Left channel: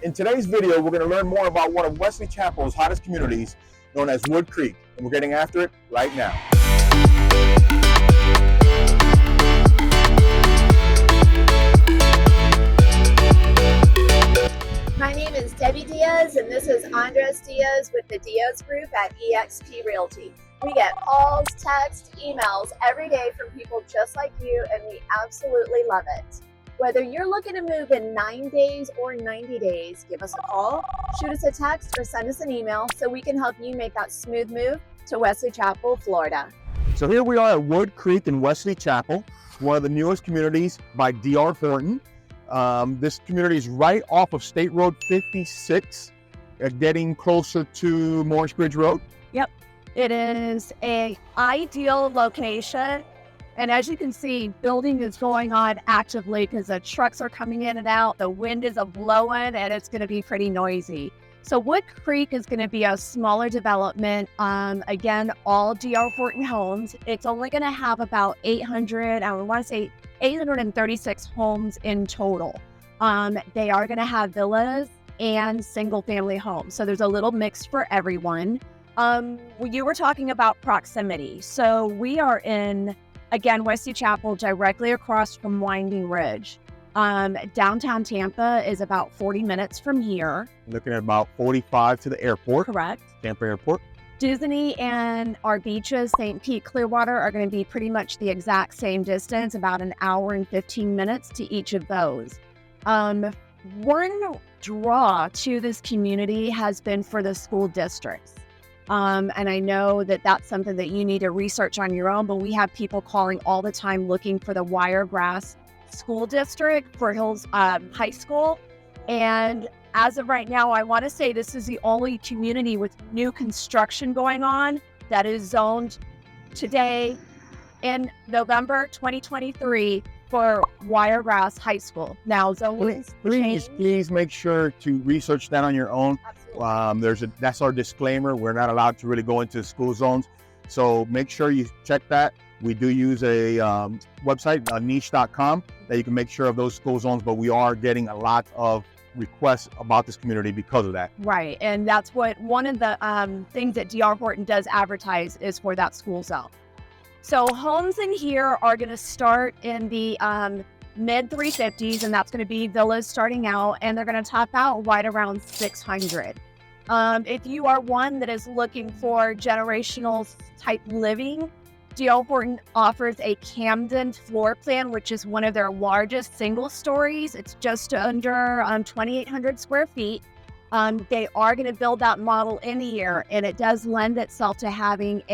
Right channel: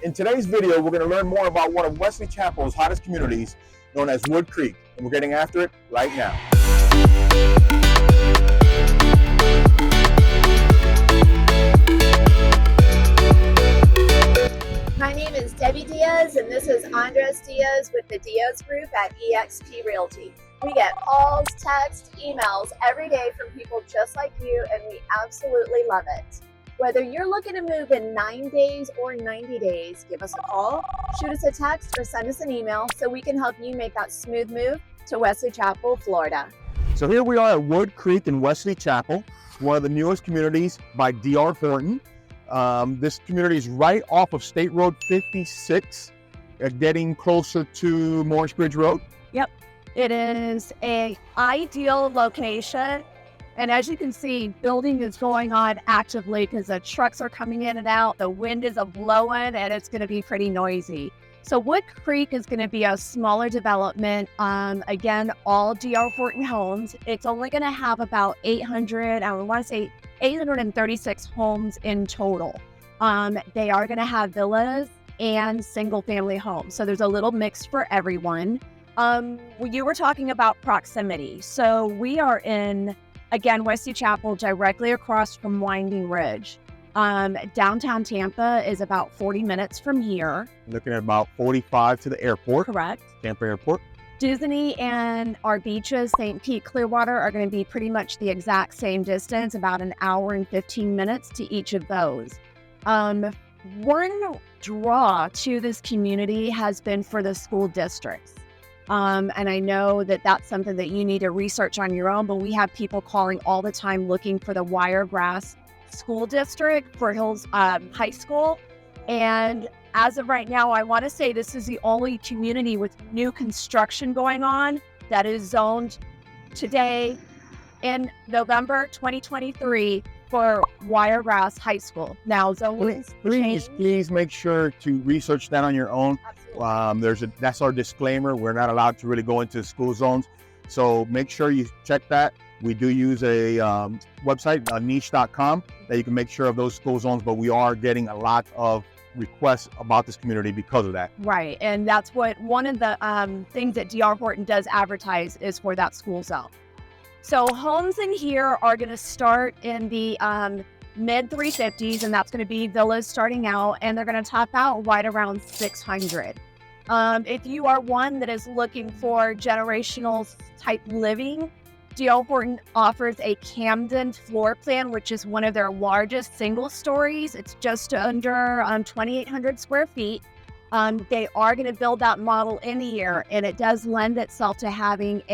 In today's video, we're going to learn more about one of Wesley Chapel's hottest communities, known as Woodcreek, and we're getting after it right now. My name is Debbie Diaz, and this is Andres Diaz with the Diaz Group at eXp Realty. We get calls, texts, emails every day from people just like you, and we absolutely love it. Whether you're looking to move in 9 days or 90 days, give us a call, shoot us a text, or send us an email so we can help you make that smooth move to Wesley Chapel, Florida. So here we are at Woodcreek in Wesley Chapel, one of the newest communities by D.R. Horton. This community is right off of State Road 56, getting closer to Morris Bridge Road. Yep, it is an ideal location. And as you can see, building is going on actively because the trucks are coming in and out, the wind is blowing, and it's going to be pretty noisy. So Woodcreek is going to be a smaller development. Again, all D.R. Horton homes. It's only going to have about 836 homes in total. They are going to have villas and single family homes. So there's a little mix for everyone. You were talking about proximity. So we are in, again, Wesley Chapel, directly across from Winding Ridge. Downtown Tampa is about 40 minutes from here. Looking at about 45 to the airport. Correct. Tampa Airport. Disney and our beaches, St. Pete, Clearwater, are going to be pretty much the exact same distance, about an hour and 15 minutes to each of those. One draw to this community has been for the school districts. And I know that that's something that you need to research on your own, but we have people calling all the time looking for the Wiregrass School District for Hills High School. And as of right now, I want to say this is the only community with new construction going on that is zoned today in November 2023 for Wiregrass High School. Now, zones Please make sure to research that on your own. Absolutely. That's our disclaimer. We're not allowed to really go into school zones. So make sure you check that. We do use a website, niche.com, that you can make sure of those school zones, but we are getting a lot of requests about this community because of that. Right, and that's what one of the things that D.R. Horton does advertise is for that school zone. So homes in here are going to start in the mid 350s, and that's going to be villas starting out, and they're going to top out right around 600. If you are one that is looking for generational type living, D.R. Horton offers a Camden floor plan, which is one of their largest single stories. It's just under 2,800 square feet. They are going to build that model in here, and it does lend itself to having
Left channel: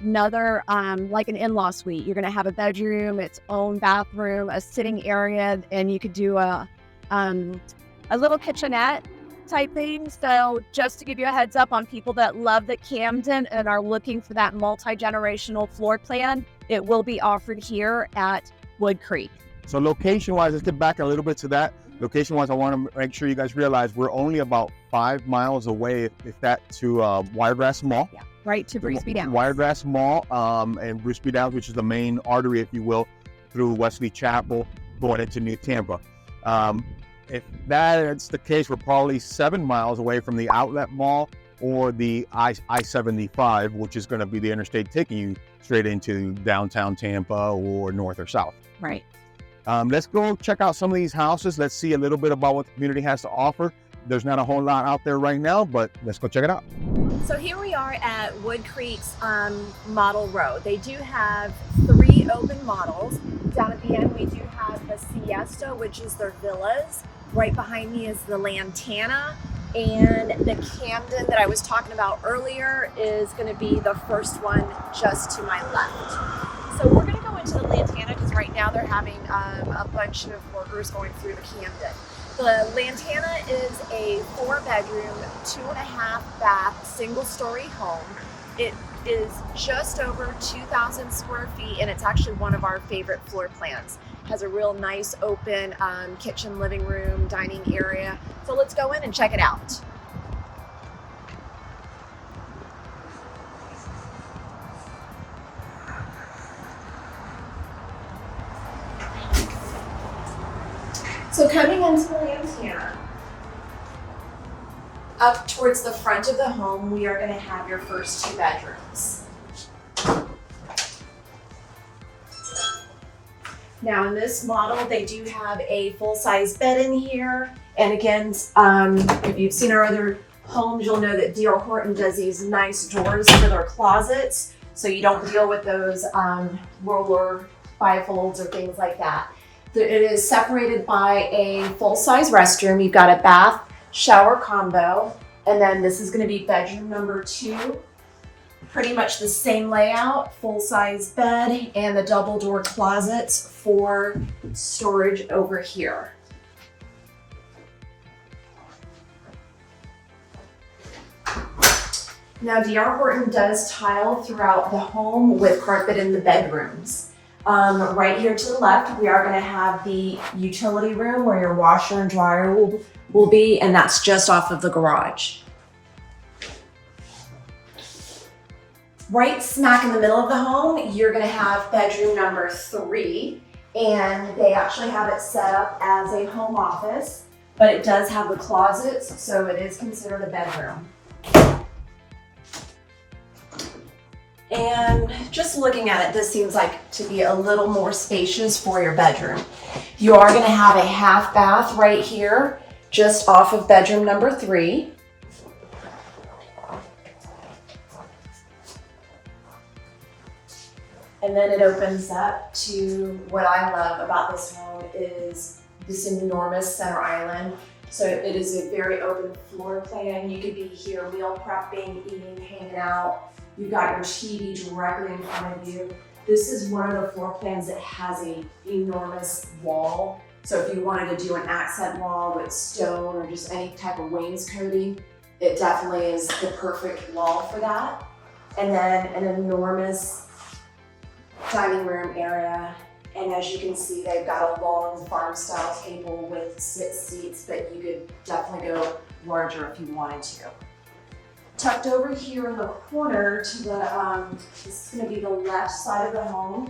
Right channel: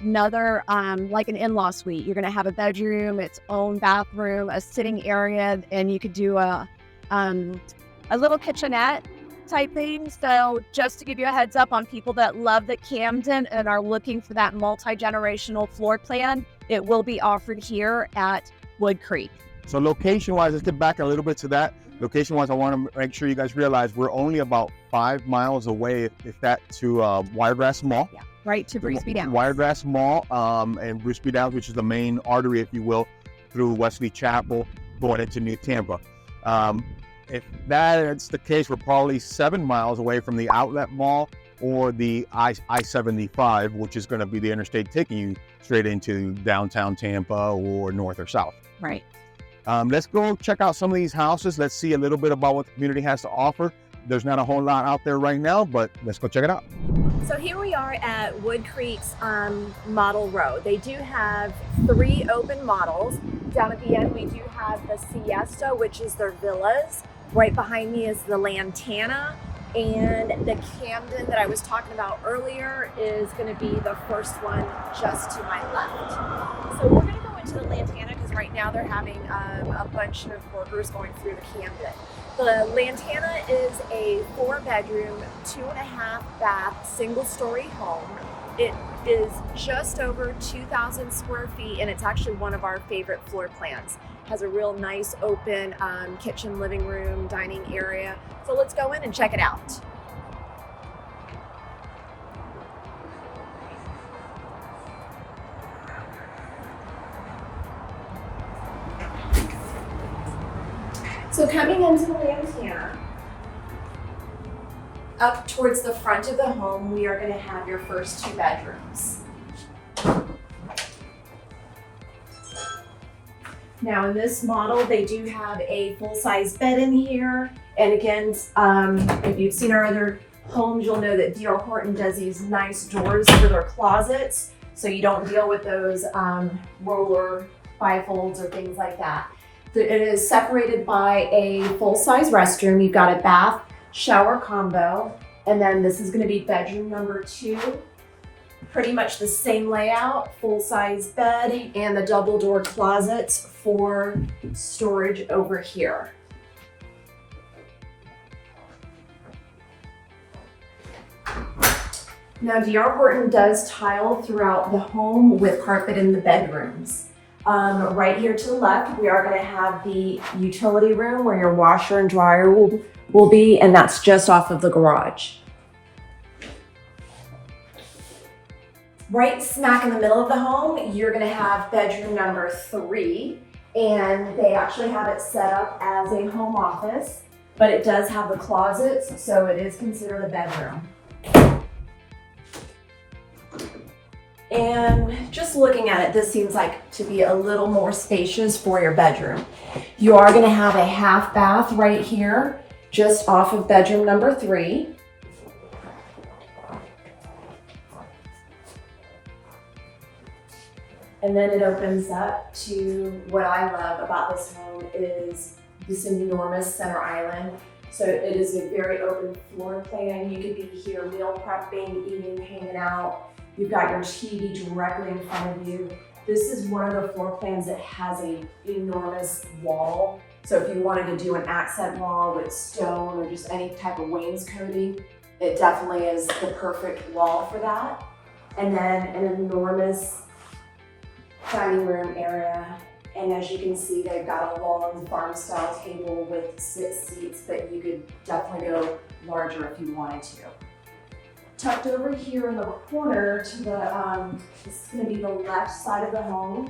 another, like an in-law suite. You're going to have a bedroom, its own bathroom, a sitting area, and you could do a little kitchenette type thing. So just to give you a heads up on people that love the Camden and are looking for that multi-generational floor plan, it will be offered here at Woodcreek. So location-wise, let's get back a little bit to that. Location-wise, I want to make sure you guys realize we're only about 5 miles away, if that, to Wiregrass Mall. Yeah, right to Bruceby Downs. Wiregrass Mall and Bruceby Downs, which is the main artery, if you will, through Wesley Chapel going into New Tampa. If that's the case, we're probably 7 miles away from the outlet mall or the I-75, which is going to be the interstate taking you straight into downtown Tampa or north or south. Right. Let's go check out some of these houses. Let's see a little bit about what the community has to offer. There's not a whole lot out there right now, but let's go check it out. So here we are at Woodcreek's model row. They do have 3 open models. Down at the end, we do have the Siesta, which is their villas. Right behind me is the Lantana, and the Camden that I was talking about earlier is going to be the first one just to my left. So we're going to go into the Lantana because right now they're having a bunch of workers going through the Camden. The Lantana is a 4-bedroom, 2.5 bath, single-story home. It is just over 2,000 square feet, and it's actually one of our favorite floor plans. Has a real nice open kitchen, living room, dining area. So let's go in and check it out. So coming into the Lantana, up towards the front of the home, we are going to have your first 2 bedrooms. Now in this model, they do have a full-size bed in here. And again, if you've seen our other homes, you'll know that D.R. Horton does these nice doors for their closets, so you don't deal with those roller bifolds or things like that. It is separated by a full-size restroom. You've got a bath shower combo, and then this is going to be bedroom number 2. Pretty much the same layout, full-size bed and the double door closets for storage over here. Now, D.R. Horton does tile throughout the home with carpet in the bedrooms. Right here to the left, we are going to have the utility room where your washer and dryer will be, and that's just off of the garage. Right smack in the middle of the home, you're going to have bedroom number 3, and they actually have it set up as a home office, but it does have the closets, so it is considered a bedroom. And just looking at it, this seems like to be a little more spacious for your bedroom. You are going to have a half bath right here, just off of bedroom number 3. And then it opens up to what I love about this home is this enormous center island. So it is a very open floor plan. You could be here meal prepping, eating, hanging out. You've got your TV directly in front of you. This is one of the floor plans that has an enormous wall. So if you wanted to do an accent wall with stone or just any type of wainscoting, it definitely is the perfect wall for that. And then an enormous dining room area. And as you can see, they've got a long farm style table with 6 seats, but you could definitely go larger if you wanted to. Tucked over here in the corner to the, this is going to be the left side of the home.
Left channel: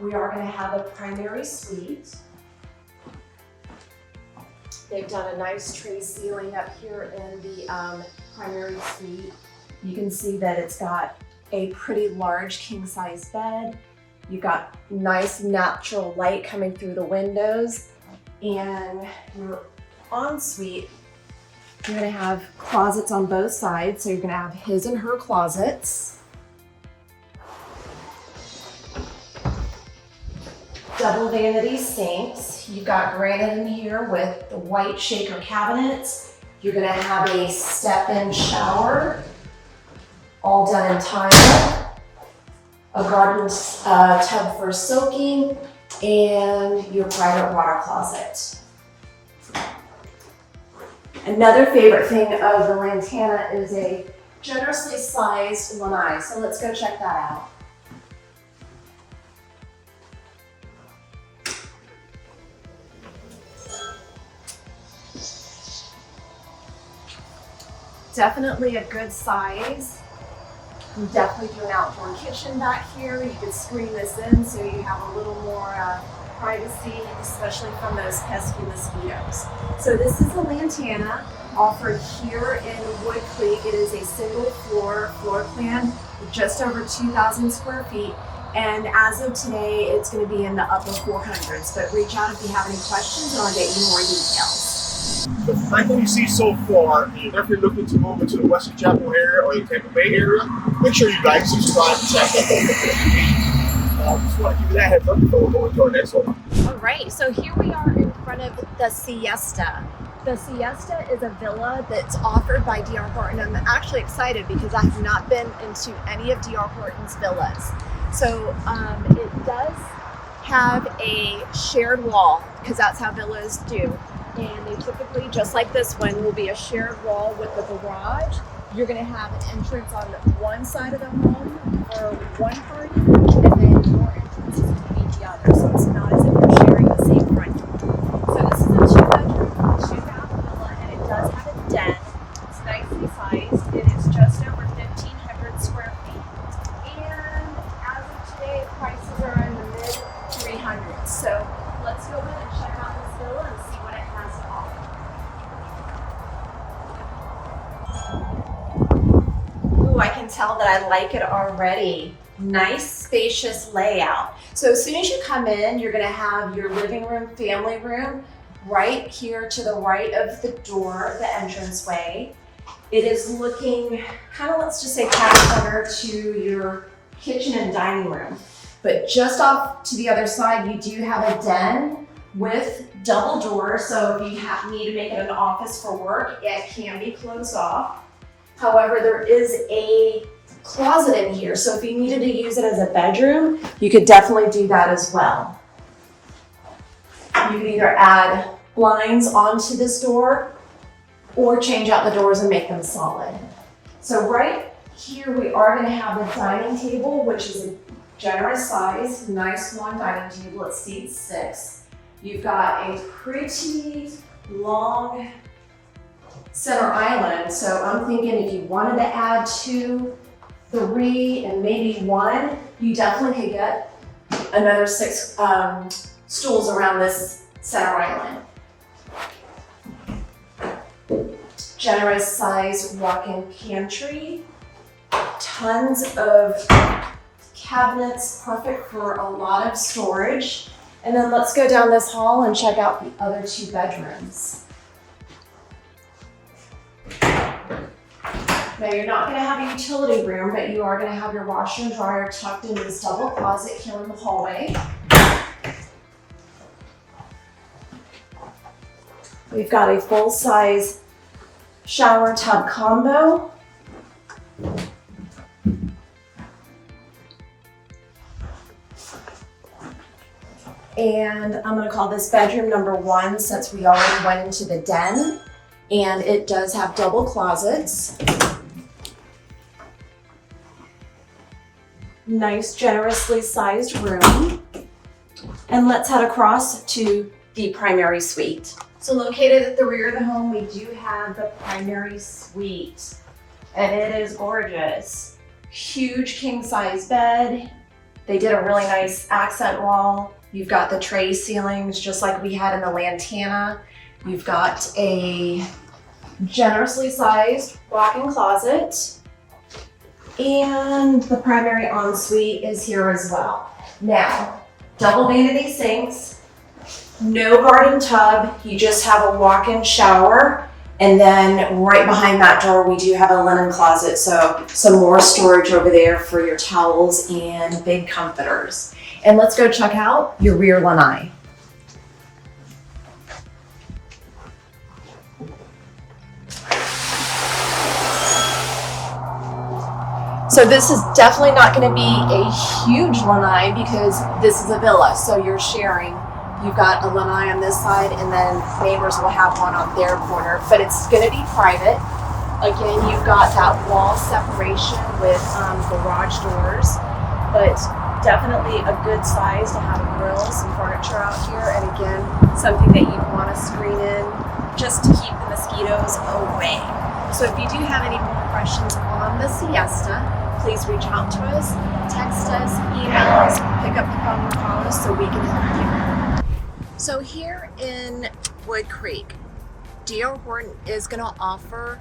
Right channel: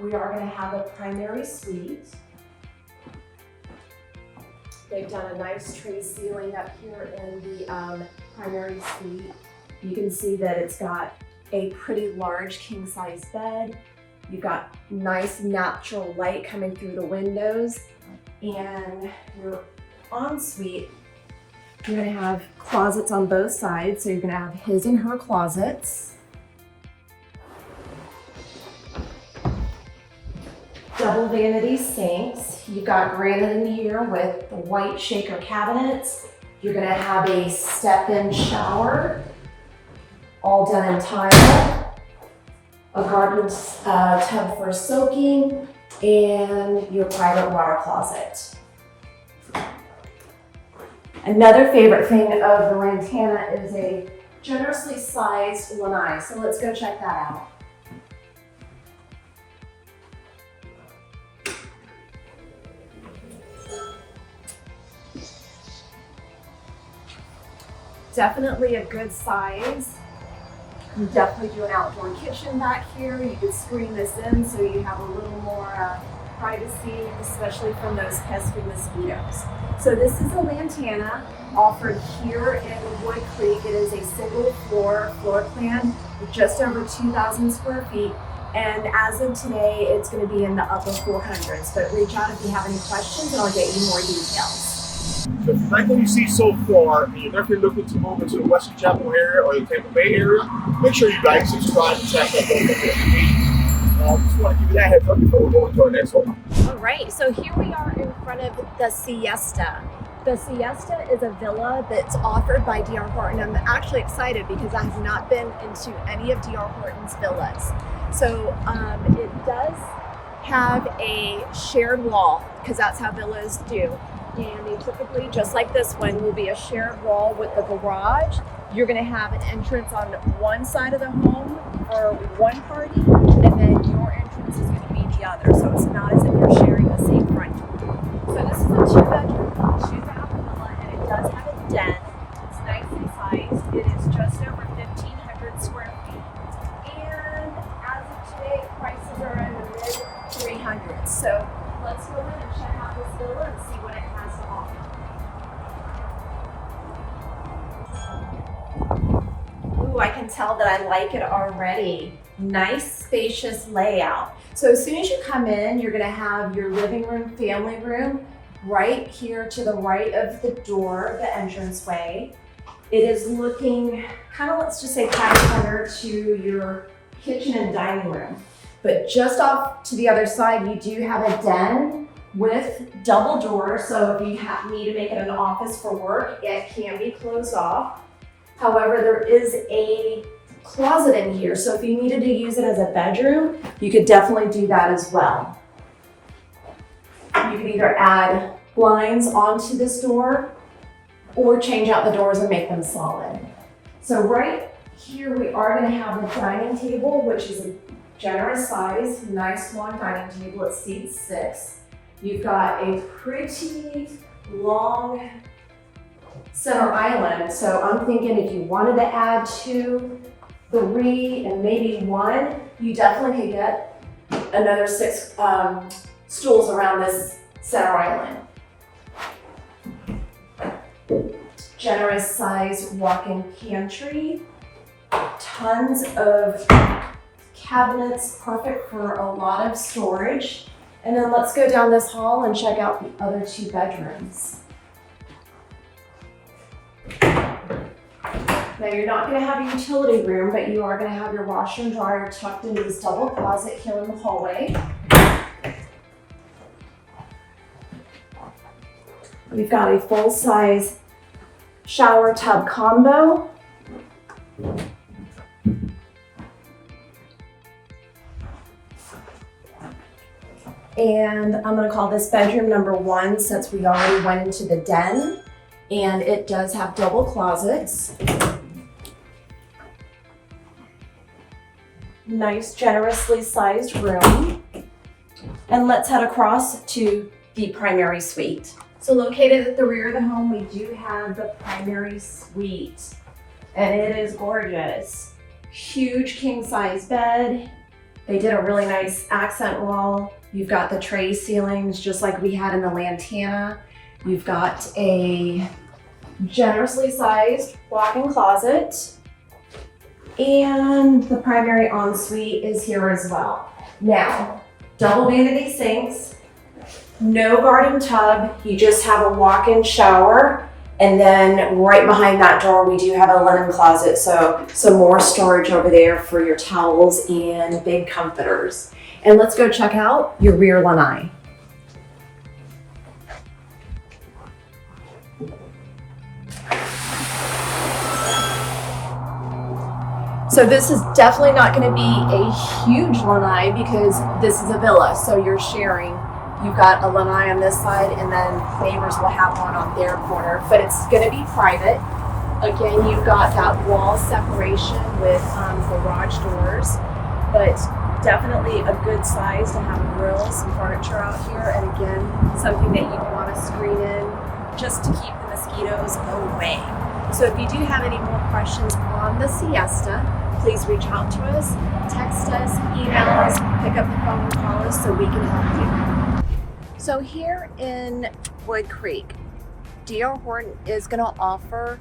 We are going to have a primary suite. They've done a nice tray ceiling up here in the primary suite. You can see that it's got a pretty large king size bed. You've got nice natural light coming through the windows, and your ensuite, you're gonna have closets on both sides. So you're gonna have his and her closets. Double vanity sinks. You've got granite in here with the white shaker cabinets. You're gonna have a step-in shower, all done in tile. A garden tub for soaking, and your private water closet. Another favorite thing of the Lantana is a generously sized lanai, so let's go check that out. Definitely a good size. You definitely do an outdoor kitchen back here. You could screen this in so you have a little more privacy, especially from those pesky mosquitoes. So this is a Lantana offered here in Woodcreek. It is a single floor plan with just over 2,000 square feet. And as of today, it's going to be in the upper 400s. But reach out if you have any questions and I'll get you more details. So if you like what you see so far, and you're definitely looking to move into the Wesley Chapel area or the Tampa Bay area, make sure you like, subscribe, and check out those notifications. Just want to give you that heads up before we go into our next home. All right, so here we are in front of the Siesta. The Siesta is a villa that's offered by D.R. Horton. I'm actually excited because I have not been into any of D.R. Horton's villas. So it does have a shared wall because that's how villas do. And they typically, just like this one, will be a shared wall with the garage. You're going to have an entrance on one side of the home for one party, and then your entrance is going to be the other. So it's not as if you're sharing the same front door. So this is a 2-bedroom, 2-bath villa, and it does have a den. It's nicely sized. It is just over 1,500 square feet. And as of today, prices are in the mid 300s. So let's go in and check out this villa and see what it has to offer. Ooh, I can tell that I like it already. Nice, spacious layout. So as soon as you come in, you're gonna have your living room, family room, right here to the right of the door of the entranceway. It is looking kind of, let's just say, catty-corner to your kitchen and dining room. But just off to the other side, you do have a den with double doors. So if you need to make it an office for work, it can be closed off. However, there is a closet in here. So if you needed to use it as a bedroom, you could definitely do that as well. You can either add blinds onto this door or change out the doors and make them solid. So right here, we are gonna have a dining table, which is a generous size, nice long dining table. It seats 6. You've got a pretty long center island. So I'm thinking if you wanted to add 2, 3, and maybe 1, you definitely could get another 6 stools around this center island. Generous size walk-in pantry, tons of cabinets, perfect for a lot of storage. And then let's go down this hall and check out the other 2 bedrooms. Now you're not gonna have a utility room, but you are gonna have your washer and dryer tucked into this double closet here in the hallway. We've got a full-size shower tub combo. And I'm gonna call this bedroom number 1 since we already went into the den. And it does have double closets. Nice, generously sized room. And let's head across to the primary suite. So located at the rear of the home, we do have the primary suite. And it is gorgeous. Huge king size bed. They did a really nice accent wall. You've got the tray ceilings just like we had in the Lantana. You've got a generously sized walk-in closet. And the primary ensuite is here as well. Now, double vanity sinks, no garden tub, you just have a walk-in shower. And then right behind that door, we do have a linen closet. So some more storage over there for your towels and big comforters. And let's go check out your rear lanai. So this is definitely not going to be a huge lanai because this is a villa, so you're sharing. You've got a lanai on this side and then neighbors will have one on their corner, but it's going to be private. Again, you've got that wall separation with garage doors, but definitely a good size to have a grill, some furniture out here, and again, something that you want to screen in just to keep the mosquitoes away. So if you do have any more questions on the Siesta, please reach out to us, text us, email us, pick up the phone and call us so we can help you. So here in Woodcreek, D.R. Horton is going to offer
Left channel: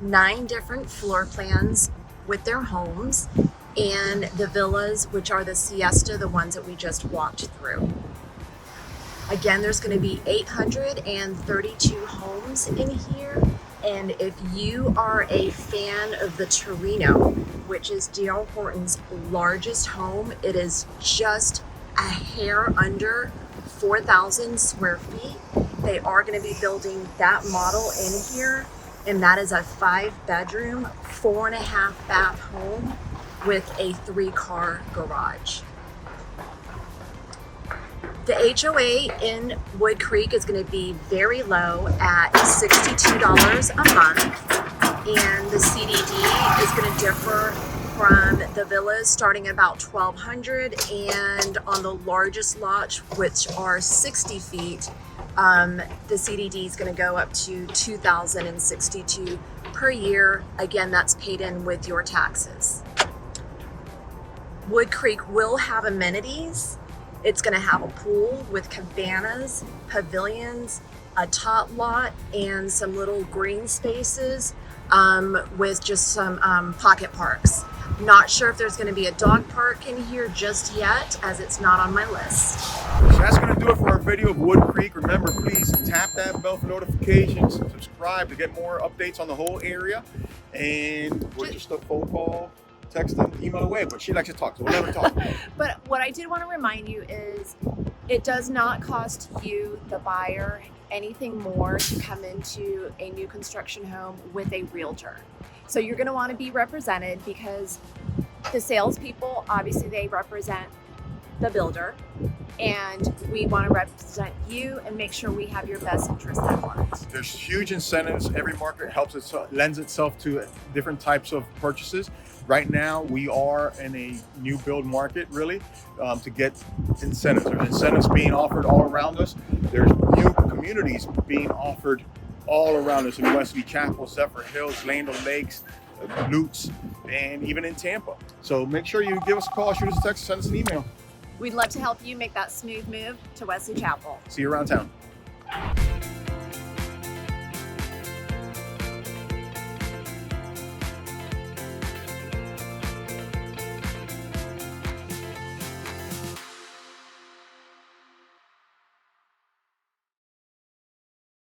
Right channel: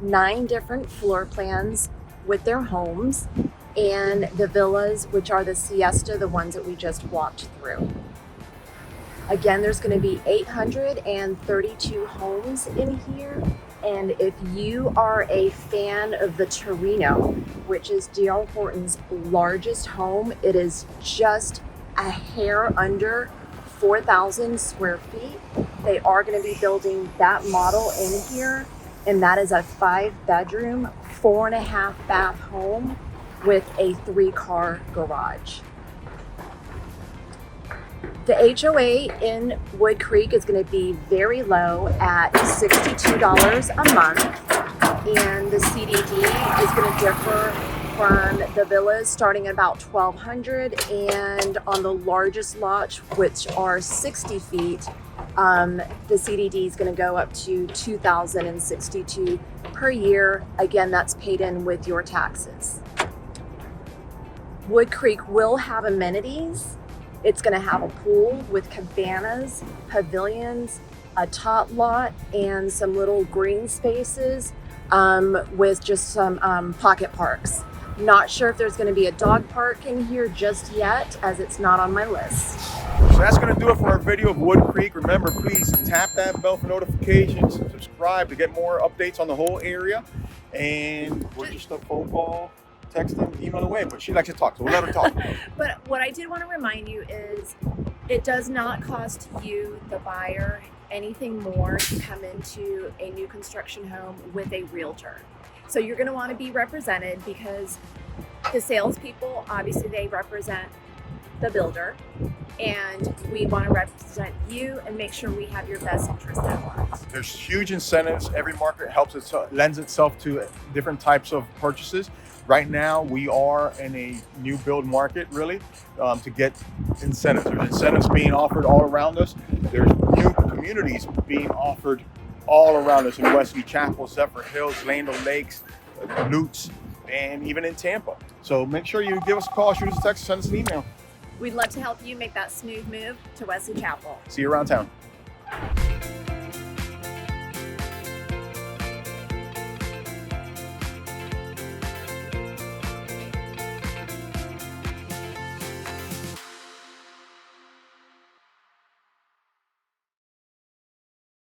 9 different floor plans with their homes and the villas, which are the Siesta, the ones that we just walked through. Again, there's going to be 832 homes in here. And if you are a fan of the Torino, which is D.R. Horton's largest home, it is just a hair under 4,000 square feet. They are going to be building that model in here, and that is a 5-bedroom, 4.5-bath home with a 3-car garage. The HOA in Woodcreek is going to be very low at $62 a month, and the CDD is going to differ from the villas starting about $1,200, and on the largest lots, which are 60 feet, the CDD is going to go up to $2,062 per year. Again, that's paid in with your taxes. Woodcreek will have amenities. It's going to have a pool with cabanas, pavilions, a tot lot and some little green spaces with just some pocket parks. Not sure if there's going to be a dog park in here just yet, as it's not on my list. So that's going to do it for our video of Woodcreek. Remember, please tap that bell for notifications, subscribe to get more updates on the whole area, and we're just a phone call, text, and email away. But she likes to talk, so we'll let her talk. But what I did want to remind you is it does not cost you, the buyer, anything more to come into a new construction home with a realtor. So you're going to want to be represented, because the salespeople, obviously they represent the builder, and we want to represent you and make sure we have your best interest at heart. There's huge incentives. Every market lends itself to different types of purchases. Right now, we are in a new build market, really, to get incentives. There's incentives being offered all around us. There's new communities being offered all around us in Wesley Chapel, Zephyr Hills, Land O'Lakes, Lutz, and even in Tampa. So make sure you give us a call, shoot us a text, send us an email. We'd love to help you make that smooth move to Wesley Chapel. See you around town.